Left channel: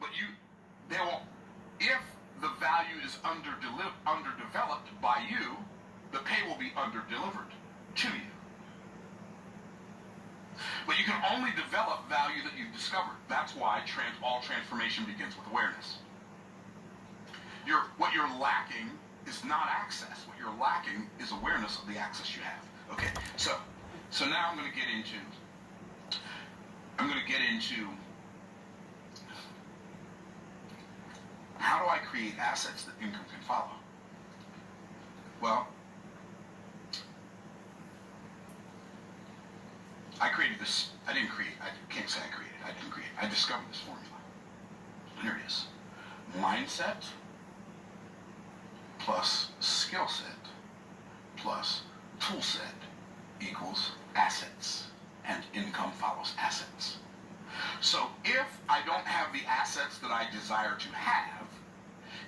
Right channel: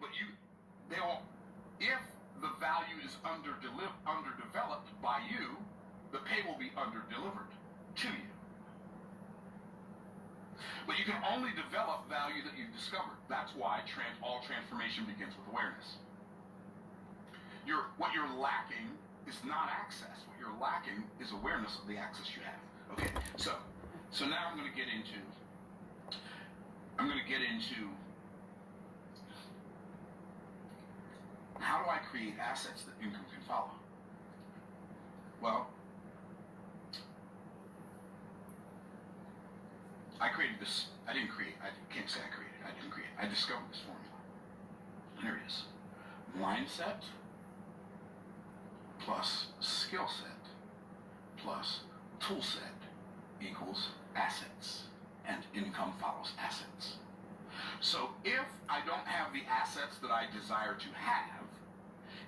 But they will, if the value is underdeveloped by you, the pay will be underdelivered to you. But you can only develop value that you've discovered. That's why all transformation begins with awareness. What you're lacking is not access. What you're lacking is awareness of the access you have. Okay, so now I'm going to get into how do I create assets that income can follow? Well, I created this. I can't say I created. I didn't create. I discovered this formula. And here it is. Mindset plus skill set plus tool set equals assets. And income follows assets. So if I don't have the assets that I desire to have,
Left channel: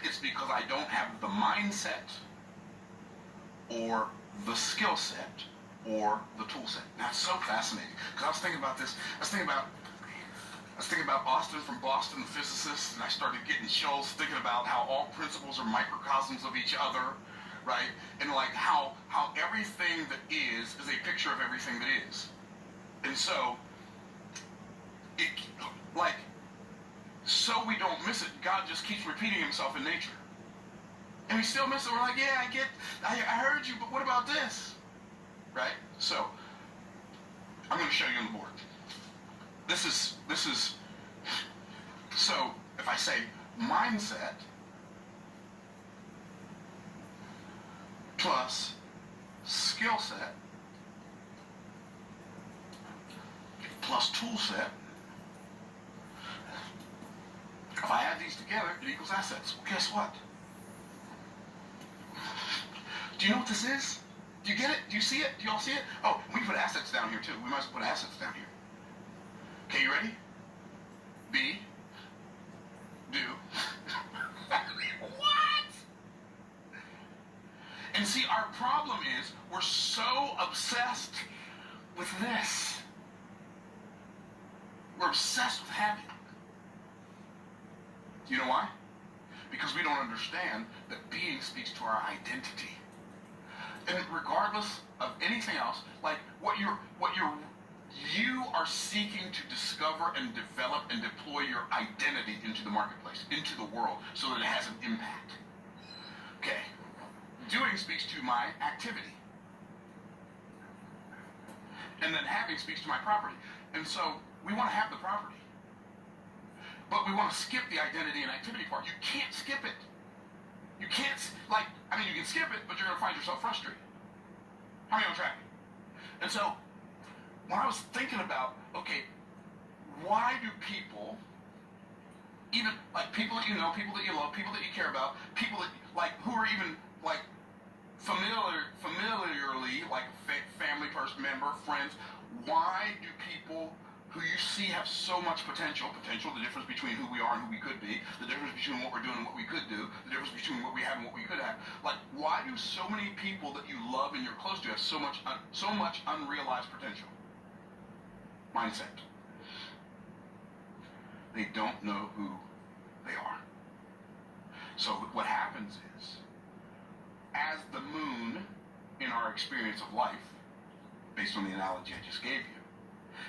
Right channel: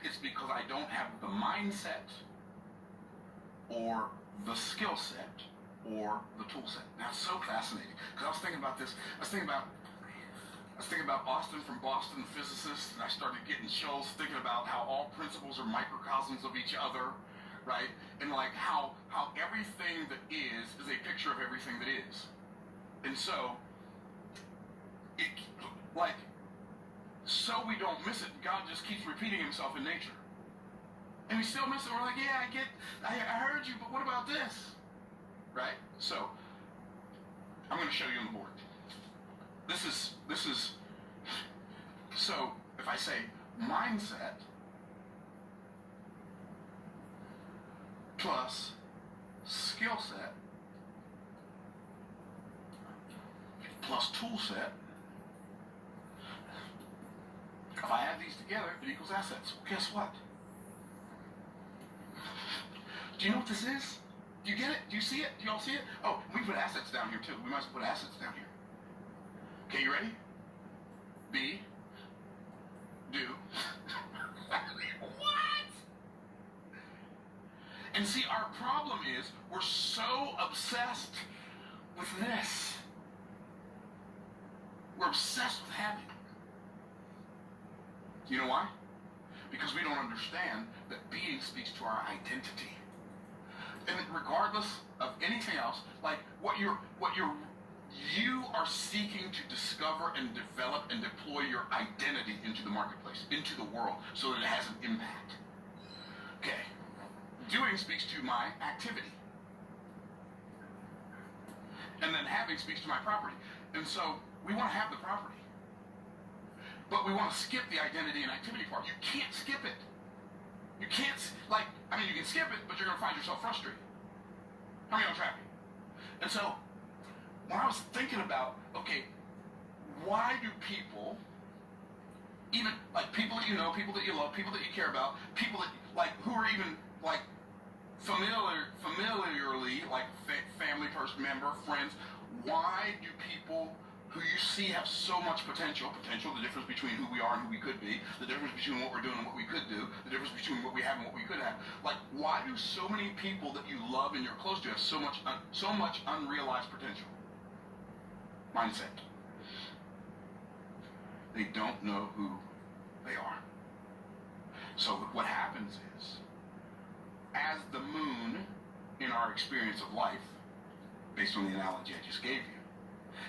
it's because I don't have the mindset or the skill set or the tool set. That's so fascinating. Because I was thinking about this. I was thinking about Austin from Boston, the physicist, and I started getting chills thinking about how all principles are microcosms of each other, right? And like how everything that is a picture of everything that is. And so, so we don't miss it, God just keeps repeating himself in nature. And we still miss it. We're like, yeah, I heard you, but what about this? Right? So, I'm going to show you on the board. This is, so if I say mindset plus skill set plus tool set, if I add these together, it equals assets. Well, guess what? Do you know what this is? Do you get it? Do you see it? Do you all see it? Oh, we can put assets down here too. We might as well put assets down here. Okay, you ready? B. Do. What? And see, our problem is we're so obsessed with this. We're obsessed with having. You know why? Because we don't understand that being speaks to our identity. And regardless of anything else, like you are seeking to discover and develop and deploy your identity into the marketplace, into the world, so that it has an impact. Okay. Doing speaks to my activity. And then having speaks to my property. And so we want to have the property. But we want to skip the identity and activity part. You can't skip it. You can't, you can skip it, but you're going to find yourself frustrated. How many on track? And so, when I was thinking about, okay, why do people, even, people that you know, people that you love, people that you care about, people that, who are even, familiarly, family person, member, friends, why do people who you see have so much potential, the difference between who we are and who we could be, the difference between what we're doing and what we could do, the difference between what we have and what we could have. Why do so many people that you love and you're close to have so much unrealized potential? Mindset. They don't know who they are. So what happens is, as the moon in our experience of life, based on the analogy I just gave you,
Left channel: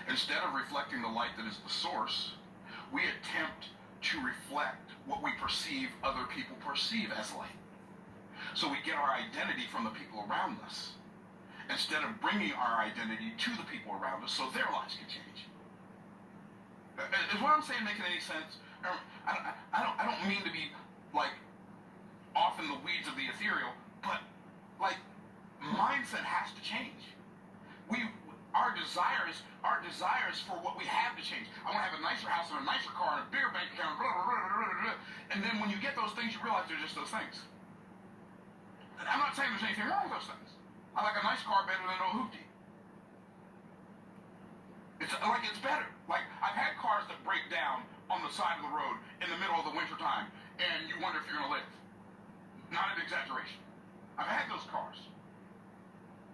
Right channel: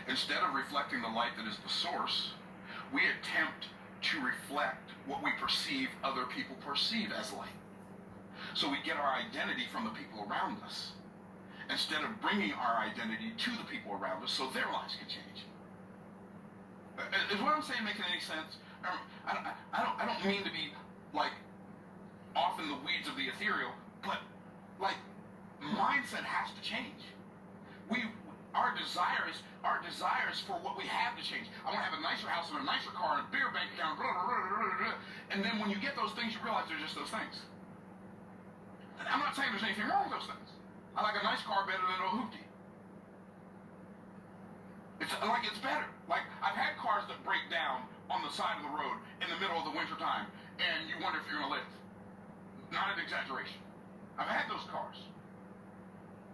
instead of reflecting the light that is the source, we attempt to reflect what we perceive other people perceive as light. So we get our identity from the people around us, instead of bringing our identity to the people around us so their lives can change. Is what I'm saying making any sense? I don't mean to be off in the weeds of the ethereal, but mindset has to change. Our desires for what we have to change. I want to have a nicer house and a nicer car and a bigger bank account, blah, blah, blah, blah, blah. And then when you get those things, you realize they're just those things. And I'm not saying there's anything wrong with those things. I like a nice car better than a hoopty. It's better. I've had cars that break down on the side of the road in the middle of the winter time, and you wonder if you're going to live. Not an exaggeration. I've had those cars.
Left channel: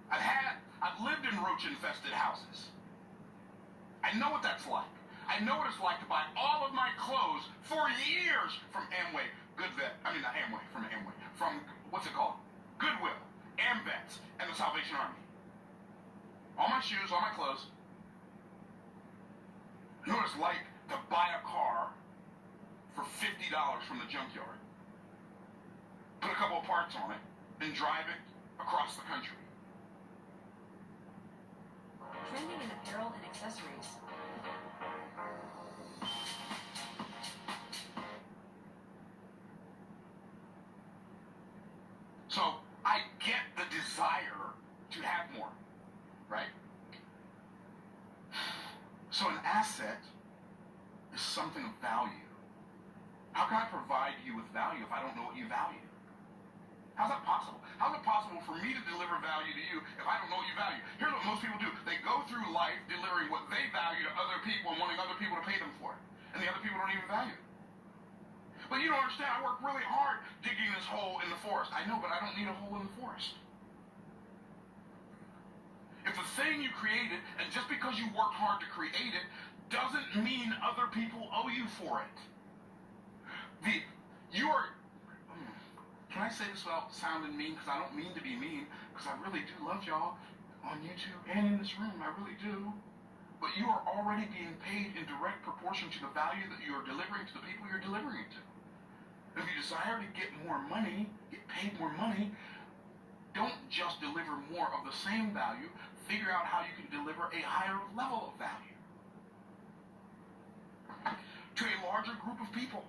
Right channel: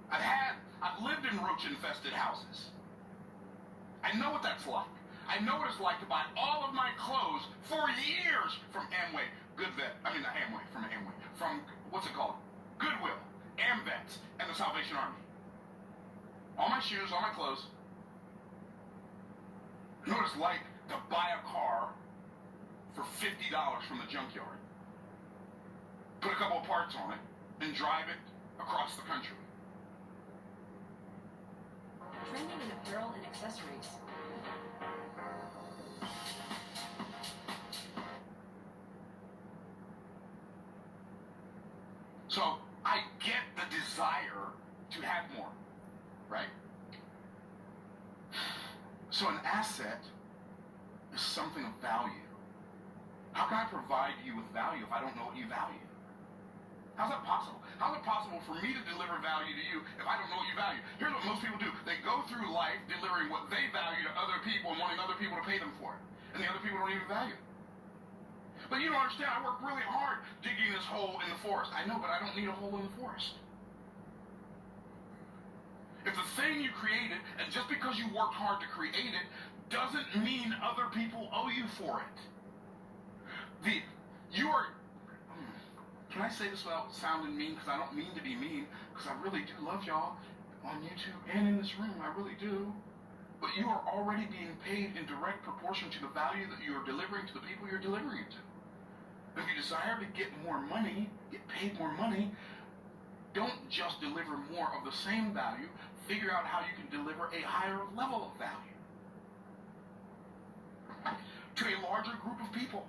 I've lived in roach-infested houses. I know what that's like. I know what it's like to buy all of my clothes for what's it called? Goodwill, AmVets, and the Salvation Army. All my shoes, all my clothes. You know what it's like to buy a car for $50 from the junkyard, put a couple of parts on it, and drive it across the country. Trending in apparel and accessories. So I get the desire to have more, right? So an asset is something of value. How can I provide you with value if I don't know what you value? How's that possible? How's it possible for me to deliver value to you if I don't know what you value? Here's what most people do. They go through life delivering what they value to other people and wanting other people to pay them for it. And the other people don't even value it. But you don't understand, I worked really hard digging this hole in the forest. I know, but I don't need a hole in the forest. If the thing you created, and just because you worked hard to create it, doesn't mean other people owe you for it. Can I say this without sounding mean? Because I don't mean to be mean, because I really do love y'all on YouTube and in this room, I really do. But you are already being paid in direct proportion to the value that you are delivering to the people you're delivering it to. And if you desire to get more money, get paid more money, don't just deliver more of the same value, figure out how you can deliver a higher level of value to a larger group of people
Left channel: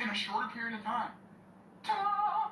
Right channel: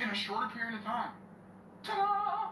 in a shorter period of time. Ta-da!